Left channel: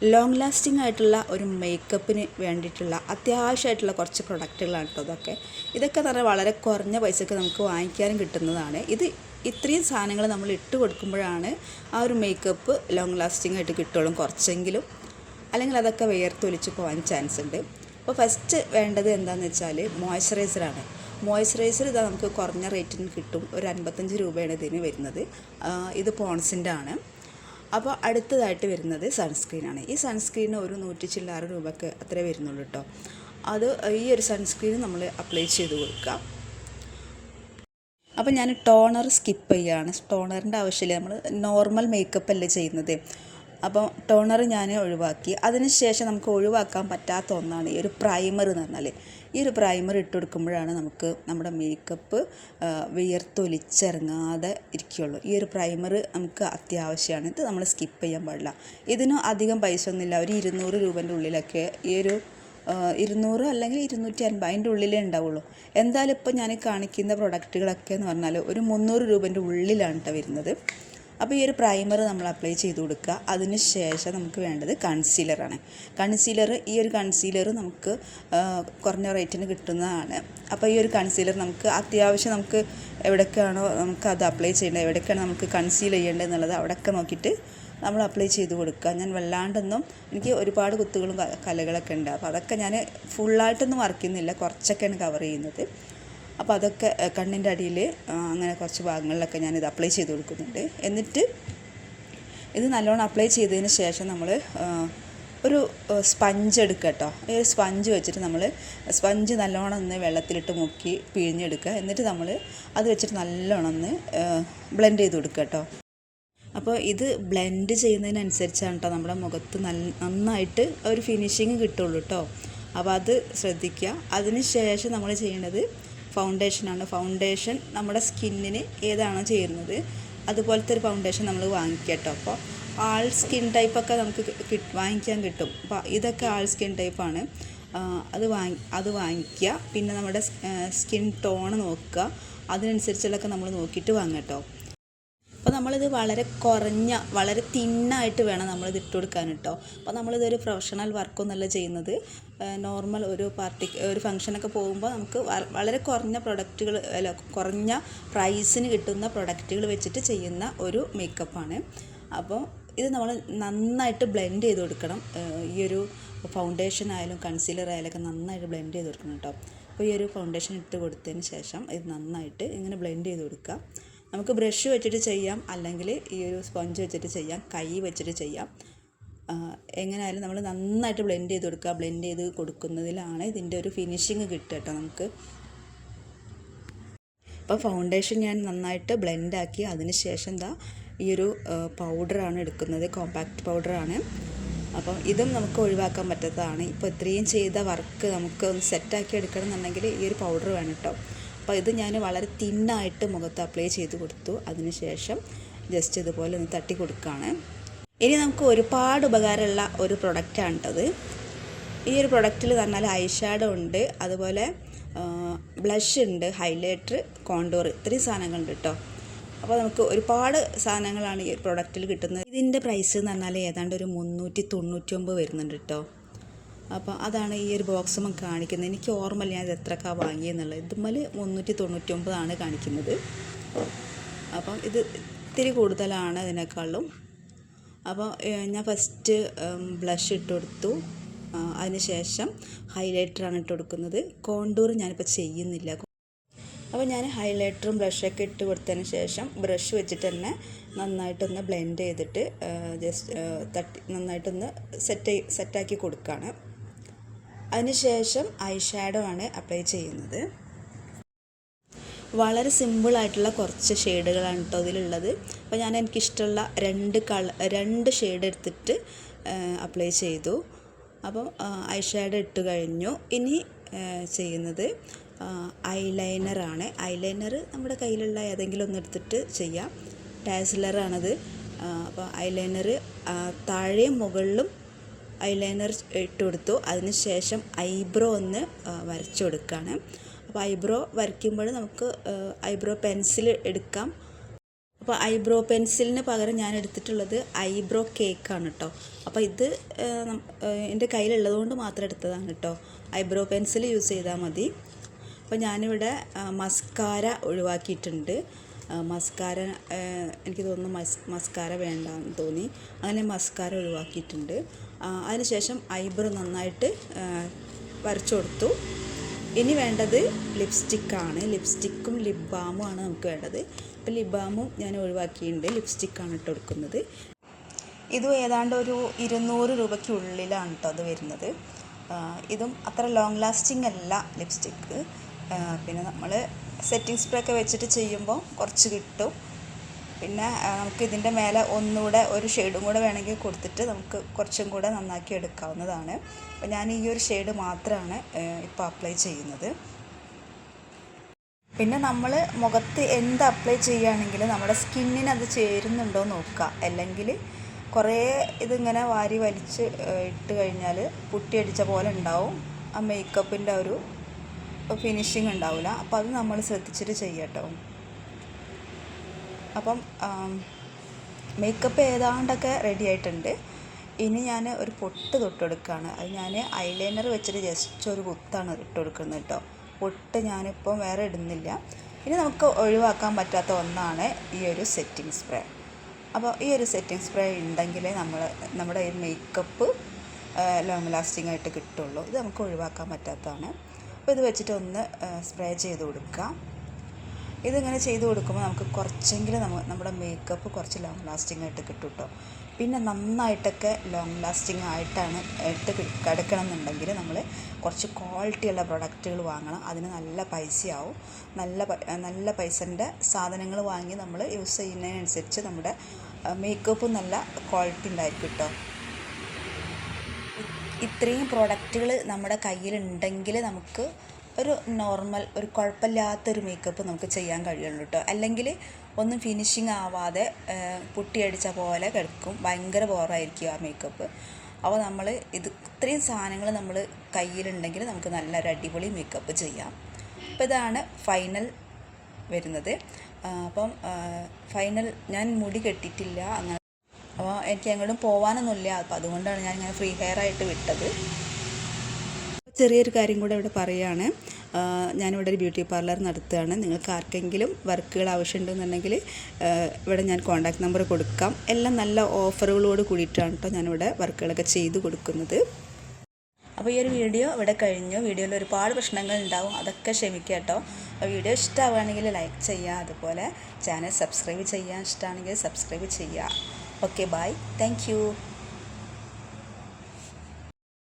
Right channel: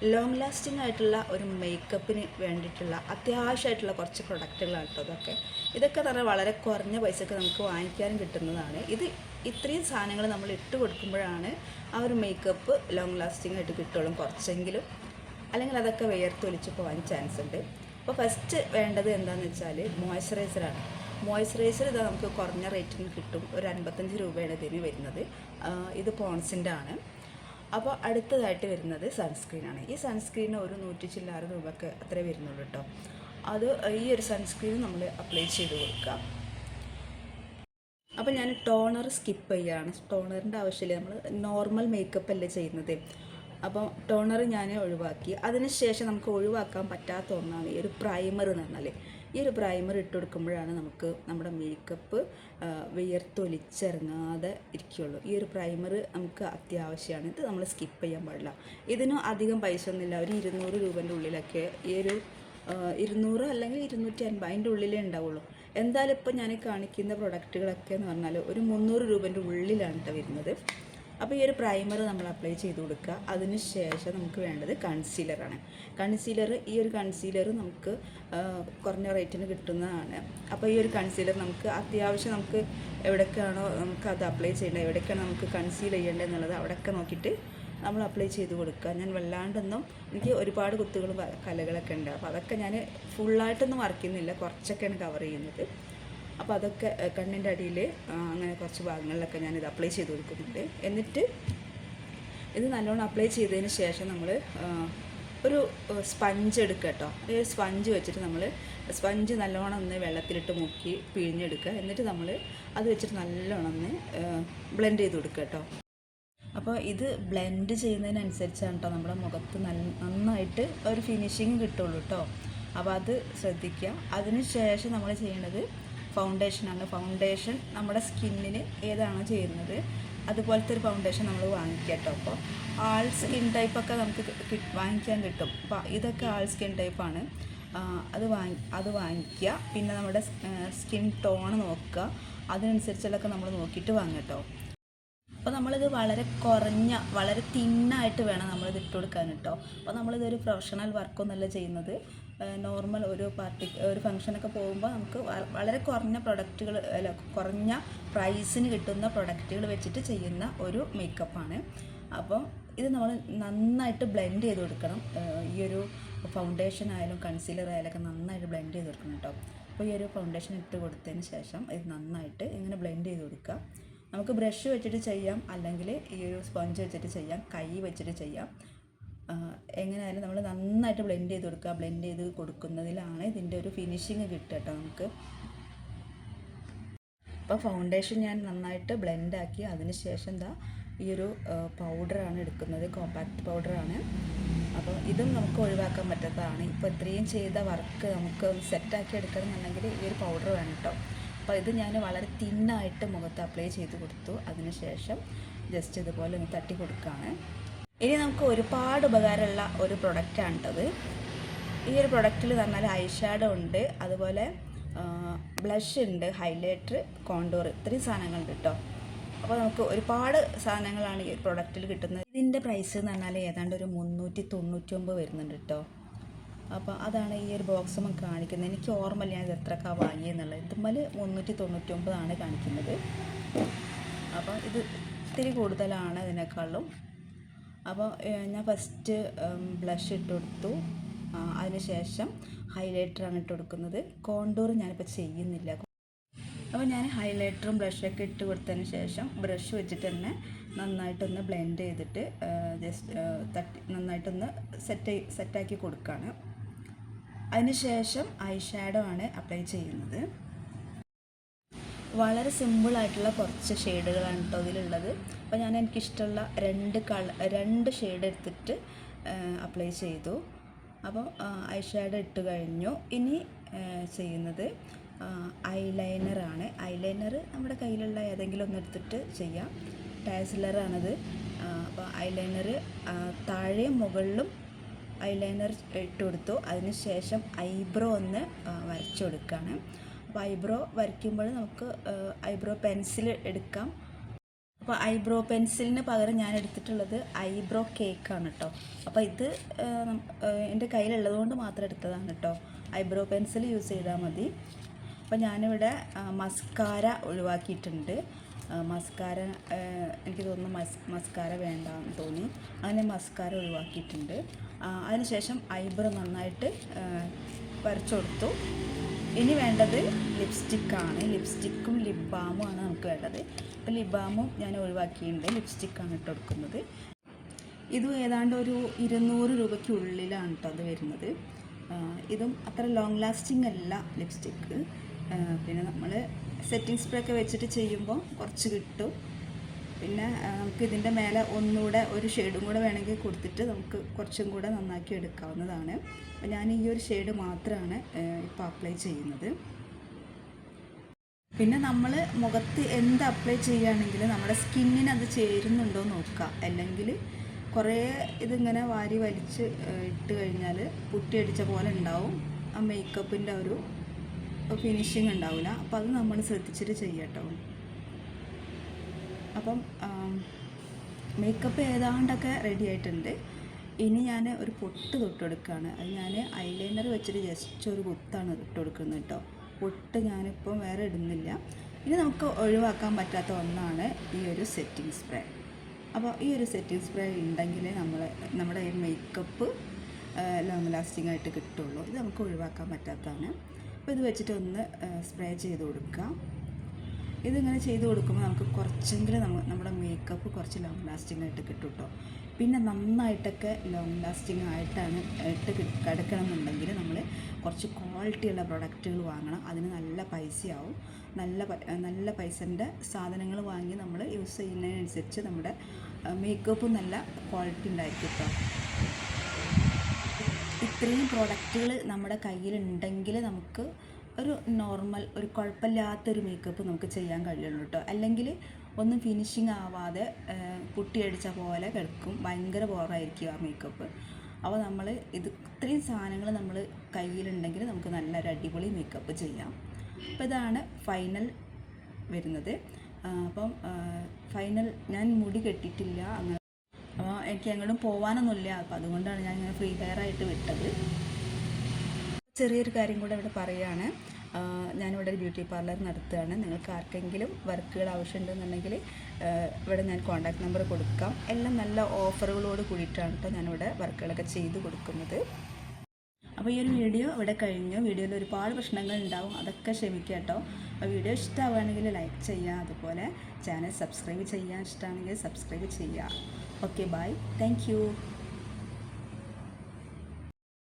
Long lasting ആയിട്ടുള്ള ഒരു മേക്കപ്പിന് വേണ്ടിയിട്ടുള്ള അത്യാവശ്യമായിട്ടുള്ള കുറച്ച് പ്രൊഡക്റ്റുകളാണ് കേട്ടോ ഇതൊക്കെ. ഇതൊക്കെ തന്നെ വളരെ കുറഞ്ഞ പൈസക്ക് നമുക്ക് വാങ്ങിക്കാനും കിട്ടുന്നതാണ്. ഇത് ഇത്രയും സാധനങ്ങൾ നമ്മൾ ഇട്ട് കൊടുക്കുമ്പോഴാണ് ആ ഒരു മേക്കപ്പ് ലോങ് ലാസ്റ്റിംഗ് ആയിട്ട് കിട്ടുള്ളൂ കുറച്ചെങ്കിലും. അല്ലെങ്കിൽ അതൊക്കെ വേർത്തൊലിച്ച് പോകാൻ ചാൻസ് ഉണ്ട്. അപ്പോൾ ഫസ്റ്റ് വേണ്ടത് എന്താണെന്ന് വെച്ചാൽ മോയ്സ്ചറൈസറാണ് മോയ്സ്ചറൈസർ ഇതാ നമുക്ക് കുറഞ്ഞ റേറ്റിന് കിട്ടും. ഒരു അൻപത്തഞ്ച് രൂപയാണ് ഇതിന് വരുന്നത്. ഇത് പോൺസിന്റെ ആണ്. അപ്പോൾ അടുത്തതായിട്ട് വരുന്നത് സൺസ്ക്രീനാണ്. ഈ സൺസ്ക്രീൻ ഒരു നൂറ്റി ചില്ലാറ് രൂപക്ക് അത്രേ വരുന്നുള്ളൂ കേട്ടോ. അത് ഈ ഒരു സൺസ്ക്രീൻ നമ്മൾ അപ്ലൈ ചെയ്ത് കൊടുക്കാം അപ്പോൾ ഞാൻ ടോണർ സ്കിപ്പ് ചെയ്യുകയാണ് ടോണറിന്റെ ആവശ്യമില്ല. നമ്മൾ നോർമൽ മേക്കപ്പ് അല്ലേ ചെയ്യുന്നത്? അപ്പോൾ ടോണർ ഞാൻ ഒഴിവാക്കി. അതിനുശേഷം നമുക്ക് ഒഴിവാക്കാൻ പറ്റാത്ത ഒന്നാണ് ഈ ഒരു പ്രൈമർ എന്ന് പറഞ്ഞാൽ ഈ ഒരു പ്രൈമർ ഇട്ട് കൊടുക്കുമ്പോഴാണ് നമുക്ക് നമ്മുടെ മേക്കപ്പ് വിയർത്തൊലിച്ചിറങ്ങാതെ ഇരിക്കുകയുള്ളൂ ഈ ഒരു പ്രൈമർ നമുക്ക് അത്യാവശ്യമാണ്. ഇത് നമ്മൾ സ്കിപ്പ് ചെയ്യാൻ പാടില്ല. ഇതിന് അധികം പൈസ ഒന്നുമില്ല. ഒരു ഇരുന്നൂറ് രൂപന്റെ ഉള്ളിലൊക്കെ ഈ ഒരു ഇരുന്നൂറ് അല്ലെങ്കിൽ ഇരുന്നൂറ്റി അൻപത് അതിന്റെ ഉള്ളിലേ ഉണ്ടാവുള്ളൂ. എന്തായാലും ഇപ്പോൾ ഞാൻ കാണിക്കുന്ന പ്രൊഡക്റ്റുകളൊക്കെ എന്ന് പറഞ്ഞാൽ ഒരു മുന്നൂറ് രൂപേന്റെ ഉള്ളിലാണ് കേട്ടോ വരുന്നത്. അപ്പോൾ ഈ ഒരു പ്രൈമർ നമ്മൾ അപ്ലൈ ചെയ്ത് കൊടുക്കുക. അതിന് ശേഷം നമുക്ക് വേണ്ടത് കൺസീലറാണ് കൺസീലർ ഈ ഒരു കൺസീലർ നമുക്ക് കുറഞ്ഞ റേറ്റിന് കിട്ടുന്നതാണ്. അപ്പോൾ ഈ ഒരു കൺസീലർ നമുക്ക് അത്യാവശ്യം നമുക്ക് എവിടേക്കാണോ നമുക്ക് അത് അപ്ലൈ ചെയ്യേണ്ടത് എവിടേക്കാണ് നമുക്ക് കൺസീൽ ചെയ്യേണ്ടത് എന്നുള്ളത് അവിടെയൊക്കെ നോക്കിയിട്ട് നമ്മൾ അപ്ലൈ ചെയ്ത് കൊടുക്കുക. ഞാൻ വല്ലാണ്ടൊന്നും എനിക്ക് ഒരുപാട് കുത്തുകളും കലകളൊക്കെ ഉണ്ട്. അപ്പോൾ അതൊക്കെ ഞാൻ ഫുള്ളായിട്ടൊന്നും വർക്ക് ചെയ്യുന്നില്ല. കുറച്ചൊക്കെയാണ് കവർ ചെയ്യുന്നത്. അപ്പോൾ അതൊക്കെ കണ്ണിന്റെ അടിയിൽ അങ്ങനെ കുറച്ച് ഭാഗങ്ങളിലൊക്കെ ഞാനിത് അപ്ലൈ ചെയ്ത് കൊടുക്കുന്നുണ്ട്. എന്നിട്ട് ഇത് നല്ലോണം അപ്ലൈ ചെയ്തതിന് ശേഷം നമ്മൾ ഒരു സ്പഞ്ച് എടുക്കുക കേട്ടോ. ഒരു സ്പഞ്ച് വെച്ചിട്ട് നമ്മൾ സ്പഞ്ച് നല്ലോണം ഒന്ന് വെള്ളത്തിലിട്ട് മുക്കി പിഴിഞ്ഞെടുക്കുക. എന്നിട്ട് നമ്മൾ അത് വെച്ചിട്ട് നല്ലോണം ഒന്ന് ബ്ലെൻഡ് ചെയ്ത് കൊടുക്കുക കേട്ടോ. അപ്പോൾ ഇത് ബ്ലെൻഡ് ചെയ്യുന്നതിനനുസരിച്ചാണ് കേട്ടോ നമ്മുടെ മുഖത്ത് നല്ല നന്നായിട്ട് ഒരു ഫിനിഷിങ് കിട്ടുള്ളൂ കേട്ടോ. അപ്പോൾ അത് ശ്രദ്ധിക്കുക. അതിന് ശേഷം നമ്മൾ ചെയ്യേണ്ടത് ഫൗണ്ടേഷനാണ് ഫൗണ്ടേഷൻ നമ്മുടെ സ്കിന്നിന് ഏതാണോ ചേരുന്നത്. അതുപോലത്തെ ഒരു ഫൗണ്ടേഷൻ നമ്മൾ വാങ്ങിക്കുക കേട്ടോ. അപ്പോൾ ആൾ സ്കിൻ ടൈപ്പൊക്കെ നമുക്ക് വാങ്ങിക്കാൻ കിട്ടും. അപ്പോൾ ഇതൊക്കെ ആൾ സ്കിൻ ടൈപ്പാണ് അത് വാങ്ങി അത് വാങ്ങിക്കുക. പിന്നെ നമ്മുടെ സ്കിൻ ടോൺ നോക്കുക. അതിനനുസരിച്ചുള്ളതൊക്കെ നമ്മൾ നോക്കിയിട്ട് വാങ്ങാം കേട്ടോ. അപ്പോൾ നമ്മളിത് വളരെ കുറഞ്ഞ വളരെ തിന്നായിട്ട് വേണം നമ്മളിത് ഇട്ട് കൊടുക്കാൻ കേട്ടോ അപ്പോൾ നമ്മളിതൊരു പ്രൊഫഷണൽ വർക്കൊന്നുമല്ല ചെയ്യുന്നത്. നോർമൽ ഒരു പാർട്ടി ഒരു ഫംഗ്ഷനൊക്കെ പോകുമ്പോൾ നമുക്ക് വളരെ കുറഞ്ഞ പ്രൊഡക്റ്റുകൾ അല്ല കുറഞ്ഞ പ്രൈസിന് കിട്ടുന്ന പ്രൊഡക്റ്റുകൾ വെച്ചിട്ട് ചെയ്യുന്ന ഒരു മേക്കപ്പാണ് അപ്പോൾ ഇത് നമ്മൾ നന്നായിട്ട് ബ്ലെൻഡ് ചെയ്ത് കൊടുക്കണം. ഈ ഒരു ഫൗണ്ടേഷൻ ആയാലും കൺസീലർ ആയാലും ഒക്കെ നന്നായിട്ട് ബ്ലെൻഡ് ചെയ്ത് കൊടുക്കണം കേട്ടോ അപ്പോൾ ഈ ഒരു ഫൗണ്ടേഷൻ ഇട്ട് കൊടുത്തതിന് ശേഷം ഇത് നന്നായിട്ട് ഇങ്ങനെ ബ്ലെൻഡ് ചെയ്ത് കൊടുക്കുക. നമുക്ക് ബ്രഷ് വെച്ചിട്ട് ചെയ്യാം അല്ലെങ്കിൽ ഈ ഒരു സ്പോഞ്ച് വെച്ചിട്ട് ചെയ്യാം കൈ വെച്ചിട്ട് ചെയ്യാം. എങ്ങനെയായാലും നമ്മൾ നന്നായിട്ട് ബ്ലെൻഡ് ചെയ്ത് കൊടുക്കുക. ബ്ലെൻഡ് ചെയ്ത് കൊടുക്കുന്നതിലാണ് ഇതിന്റെ ഒരു ഫിനിഷിങ് കിട്ടുക കേട്ടോ നമുക്ക്. അപ്പോൾ ഫൗണ്ടേഷൻ ഞാൻ നന്നായിട്ട് ബ്ലെൻഡാക്കി അതിന് ശേഷം എന്താ ഈ ഒരു പൗഡറാണ് എടുക്കുന്നത്. കോമ്പാക്റ്റ് പൗഡറാണ് അപ്പം ഇതും നമുക്ക് ഒഴിവാക്കാൻ പറ്റാത്തതാണ്. ഇപ്പോൾ ഇത്രയും ചെയ്ത വർക്ക് നമുക്ക് സെറ്റാക്കി എടുക്കണം എന്നുണ്ടെങ്കിൽ ഈ ഒരു പൗഡർ വേണം കേട്ടോ. അപ്പോൾ ഇത് ഞാൻ വളരെ തിന്നായിട്ട് മുഖത്ത് അപ്ലൈ ചെയ്ത് കൊടുത്തു. അതിനുശേഷം ജസ്റ്റ് ഇതുപോലെ ഒന്ന് തട്ടി കൊടുക്കുകയാണ് ഇനി നമുക്ക് ഒരുപാട് ഉപകാരമുള്ള ഒരു പ്രൊഡക്റ്റാണ് കേട്ടത് ഈ ഒരു പ്രൊഡക്റ്റിൽ പറഞ്ഞാൽ ഐ ഷാഡോ ഉണ്ട്. അതുപോലെ ബ്ലഷ് ഉണ്ട് ഹൈലൈറ്റർ കോണ്ടോർ ഇത്രയും സാധനങ്ങളുണ്ട് കേട്ടോ അപ്പോൾ നമുക്ക് ഒരുപാട് സാധനങ്ങളാണ് ഈ പ്രൊഡക്റ്റിൽ കിട്ടുന്നത്. ഇതിന്റെ പ്രൈസ് എന്ന് പറഞ്ഞാൽ ഏതാണ്ട് ഒരു മുന്നൂറ്റി തൊണ്ണൂറ്റി ഒമ്പത് വരുന്നുണ്ട് കേട്ടോ അപ്പോൾ അതാണ് ഈ ഒരു ബോക്സ് കാണിക്കുന്നത്. എനിക്ക് ഓർമ്മയില്ല ഞാൻ ഇത് എത്രക്കാണ് വാങ്ങിയെന്നുള്ളത് ഇതുമ്മൽ മുന്നൂറ്റി തൊണ്ണൂറ്റി ഒമ്പതാണ് കാണിക്കുന്നത്. അപ്പം ഇത് ഇത്തിരി കൂടുതലാണ് ഇതിനേക്കാളും. അപ്പോൾ ഞാൻ ഫസ്റ്റ് ബ്ലഷ് ഇട്ട് കൊടുത്തു അതിനുശേഷം ഹൈലൈറ്ററാണ് ഇട്ട് കൊടുക്കുന്നത് കോണ്ടൂർ ഞാനിപ്പോൾ ചെയ്യുന്നില്ല. അപ്പോൾ ഞാൻ ഹൈലൈറ്ററും ബ്ലഷൊക്കെ ഇട്ട് കൊടുത്തതിന് ശേഷം ബ്രഷ് വെച്ചിട്ട് തന്നെ നന്നായിട്ടൊന്ന് ബ്ലെൻഡ് ചെയ്തിട്ട് ജസ്റ്റ് തട്ടി നന്നായിട്ടൊന്ന് സെറ്റ് സെറ്റാക്കി കൊടുക്കുകയാണ് അതിനുശേഷം ഐ ഷാഡോ ആണ് അപ്ലൈ ചെയ്യുന്നത്. വളരെ സിമ്പിളായിട്ടുള്ള കുറച്ച് ഷെയ്ഡുകളാണ് കേട്ടോ ഇതിലുള്ളത്. അപ്പോൾ ഞാൻ എനിക്കിഷ്ടമുള്ള രണ്ട് കള രണ്ട് ഷെയ്ഡ് എടുത്തിട്ട് അപ്ലൈ ചെയ്തു. അപ്പോൾ ഐ ഷാഡോ ഇട്ട് കഴിഞ്ഞു. ഇനി ചെയ്യുന്നത് ഐലൈനറാണ് ഐലൈനർ നമ്മുടെ കയ്യിലുള്ള ഏതെങ്കിലും ഒന്ന് എടുത്തിട്ട് ചെയ്യാം. ടാസിലറാണത് അപ്പോൾ ഐലൈനർ താഴെയും മുകളിലും ഐലൈനർ ഇട്ട് കൊടുത്തു. അതിന് ശേഷം ഐബ്രോ ഒന്ന് വരച്ചു കൊടുക്കുകയാണ് അപ്പോൾ ഐബ്രോ വരയ്ക്കുമ്പോൾ നമുക്ക് ഐബ്രോ പെൻസിൽ എടുക്കാം. അപ്പോൾ ഐബ്രോ പെൻസിലിന് പകരം ഞാൻ എടുത്തിട്ടുള്ളത് ഐബ്രോ കേക്കാണ് കേട്ടോ അപ്പോൾ ഇത് എന്റെ കയ്യിലുള്ളതുകൊണ്ട് മാത്രം എടുത്തതാണ് കേട്ടോ ഐബ്രോ പെൻസിൽ യൂസ് ചെയ്താൽ മതി. അപ്പോൾ ഞാനിവിടെ മസ്കാര ഒഴിവാക്കിയിട്ടുണ്ട്. മസ്കാര എനിക്ക് തോന്നുന്നു മസ് മസ്കാര വേണ്ടെന്ന് തോന്നി. അങ്ങനെ മസ്കാര ഒഴിവാക്കിയിട്ടുണ്ട്. അതിനുശേഷം ഐബ്രോ നന്നായിട്ട് വരച്ചു കൊടുത്തു ഇനി വേണ്ടത് ലിപ്സ്റ്റിക്കാണ് ലിപ്സ്റ്റിക്കും ലിപ് ബാമും ആണ് നമുക്ക് വേണ്ടത്. അപ്പോൾ ലിപ് ബാമും ഞാൻ ഒഴിവാക്കിയിട്ടുണ്ട്. ലിപ്സ്റ്റിക്കാണ് ഇട്ട് കൊടുക്കുന്നത്. ഇതും ഏതാണ്ട് ഒരു ഇരുന്നൂറ് രൂപയ്ക്കുള്ളിലാണ് കേട്ടോ അത് വരുന്നത്. ഇതും അത്ര ലോങ് ലാസ്റ്റിംഗ് അല്ല ലിപ്സ്റ്റിക്ക് പിന്നെ നമ്മൾ സെറ്റിംഗ് സ്പ്രേ ഒക്കെ വെച്ചിട്ട് ചെയ്യുമ്പോൾ കുറച്ച് കിട്ടും. പിന്നെ നമുക്ക് ഇതിന്റെ മേലെ ഒന്നുകൂടെ ഒരു ഷെയ്ഡും കൂടെ വേണമെങ്കിൽ കൊടുത്തിട്ട് നമുക്ക് കുറച്ചും കൂടെ നന്നാക്കി എടുക്കാവുന്നതാണ്. അപ്പോൾ ഞാൻ ഈ ഒരു ഷെയ്ഡ് മാത്രമാണ് ഇപ്പോൾ അപ്ലൈ ചെയ്യുന്നത്. പിന്നെ നമ്മൾ മുഖത്ത് എന്ത് അപ്ലൈ ചെയ്യുകയാണെങ്കിലും നമ്മുടെ സ്കിന്നിന് അത് ചേരുന്നുണ്ടോ നോക്കുക. അല്ലെങ്കിൽ കുറേ ഇതിങ്ങനെ വാരി വലിച്ച് ഇട്ട് കഴിഞ്ഞാൽ പുട്ടിയടിച്ച പോലെ ഉണ്ടാവും. ആ മേക്കപ്പിന്റെ ഒരു ഫിനിഷിങ് ഉണ്ടാവില്ല അപ്പോൾ അത് നമ്മൾ ശ്രദ്ധിച്ചിട്ട് ചെയ്യട്ടോ. അപ്പം മേക്കപ്പ് ഏതാണ്ടൊക്കെ റെഡി ആയിട്ടുണ്ട്. ഇനി ഞാൻ ഒരു പൊട്ട് തൊട്ട് കൊടുക്കുകയാണ് അത് ഞാൻ ഐലൈനർ വെച്ചിട്ട് ജസ്റ്റ് ഒരു കുത്താണ് ഇട്ട് കൊടുക്കുന്നത് കേട്ടോ പൊട്ട് ഞാനിപ്പം വേറെ ഇടുന്നില്ല. ഇനി നമുക്ക് ഒഴിവാക്കാൻ പറ്റാത്ത ഒന്നാണ് ഈ ഒരു സെറ്റിംഗ് സ്പ്രേ അപ്പോൾ ഈ ഒരു സെറ്റിംഗ് സ്പ്രേ ഉണ്ടെങ്കിലേ നമ്മൾ നമ്മുടെ ഈ മേക്കപ്പ് ലോങ് ലാസ്റ്റിംഗ് ആയിട്ട് കിട്ടുള്ളൂ. ഇത് നമുക്ക് ഒഴിവാക്കാൻ പറ്റാത്തതാണ്. അപ്പോൾ ഇത് വെച്ചിട്ട് ഒന്ന് സ്പ്രേ ചെയ്ത് കൊടുക്കുക ഇതിങ്ങനെ ചെയ്ത് കൊടുക്കുമ്പോൾ നമുക്ക് കുറച്ചെങ്കിലും നമ്മ നമ്മുടെ മേക്കപ്പ് കുറച്ച് ലോങ് ലാസ്റ്റിംഗ് ആയിട്ട് കിട്ടും കേട്ടോ പിന്നെ നന്നായിട്ടൊക്കെ ലോങ് ലാസ്റ്റിംഗ് ആയിട്ടാണ് ഇട്ട് കിടക്കണം എന്നുണ്ടെങ്കിൽ നമ്മൾ കുറച്ച് ക്വാളിറ്റിയുള്ള പ്രൊഡക്റ്റുകൾ വാങ്ങണം. അതിന് നല്ല പൈസയാവും. നല്ല നല്ല പൈസന്റെ സാധനങ്ങൾ വാങ്ങി നമ്മൾ യൂസ് ചെയ്യുന്നതിനനുസരിച്ച് നമ്മുടെ മേക്കപ്പ് നല്ല ക്വാളിറ്റി ഉണ്ടായിരിക്കും കേട്ടോ ഇത്രയും പ്രോഡക്റ്റുകൾ നമ്മുടെ കയ്യിലുണ്ടെങ്കിൽ നമുക്ക് ഒരു നോർമൽ ഒരു കുഴപ്പമില്ലാത്തൊരു മേക്കപ്പ് നമുക്ക് ചെയ്യാൻ കഴിയുള്ളൂ കേട്ടോ അല്ലെങ്കിൽ ഒന്നും ഫിനിഷിങ് ആവാതെ പുട്ടിയടിച്ച പോലെ കിടക്കും. ഭയങ്കര ബോറായിരിക്കും ആ മേക്കപ്പ് അപ്പോൾ നമ്മൾ ഇത് ഇത്രയും സാധനങ്ങൾ നമ്മൾ കയ്യിലുണ്ടെങ്കിൽ നമുക്ക് നല്ലൊരു അടിപൊളി മേക്കപ്പ് ചെയ്യാം. അപ്പോൾ ഇതാണ് ഫൈനൽ വരുന്നത്. അപ്പം ഫൈനൽ ഞാൻ മുടി കെട്ടിയിട്ടില്ല. അങ്ങനെ അപ്പോൾ എനിക്ക് എങ്ങോട്ടും പോകാനൊന്നുമില്ല അപ്പോൾ അതുകൊണ്ടാണ് ഞാൻ ഇങ്ങനെ ഫ്രീ ഹെയർ ആയിട്ട് വിട്ടത്. ചെറിയൊരു കാര്യം കൂടെ ഇവിടെ പറയുകയാണ്. ഞാനിവിടെ ഒരു ബ്യൂട്ടി പാർലർ നടത്തുകയാണ്. നിങ്ങൾക്ക് ആർക്കെങ്കിലും വർക്കുകൾ ആവശ്യമുണ്ടെന്നുണ്ടെങ്കിൽ ഇവിടെ ഞാൻ കോൺടാക്ട് നമ്പർ കൊടുക്കാം. എല്ലാം നല്ല ഓഫറുകളോട് കൂടിയിട്ടാണ് കേട്ടോ ഞാനിവിടെ വർക്കുകളൊക്കെ ചെയ്ത് കൊടുക്കുന്നത്. അപ്പോൾ ഈ ഒരു വീഡിയോ ഇവിടെ കഴിഞ്ഞു. വീഡിയോയിൽ ഒരുപാട് പ്രശ്നങ്ങൾ ഉണ്ടാവും. അതൊക്കെ ക്ഷമിക്കുക കേട്ടോ. വീഡിയോ ഇഷ്ടമാവുകയാണെങ്കിൽ ലൈക്ക് ചെയ്യുക. അതുപോലെ ചാനൽ സബ്സ്ക്രൈബ് ചെയ്യാൻ ഇഷ്ടമാണെങ്കിൽ സബ്സ്ക്രൈബ് ചെയ്യുക. Okay bye. താങ്ക്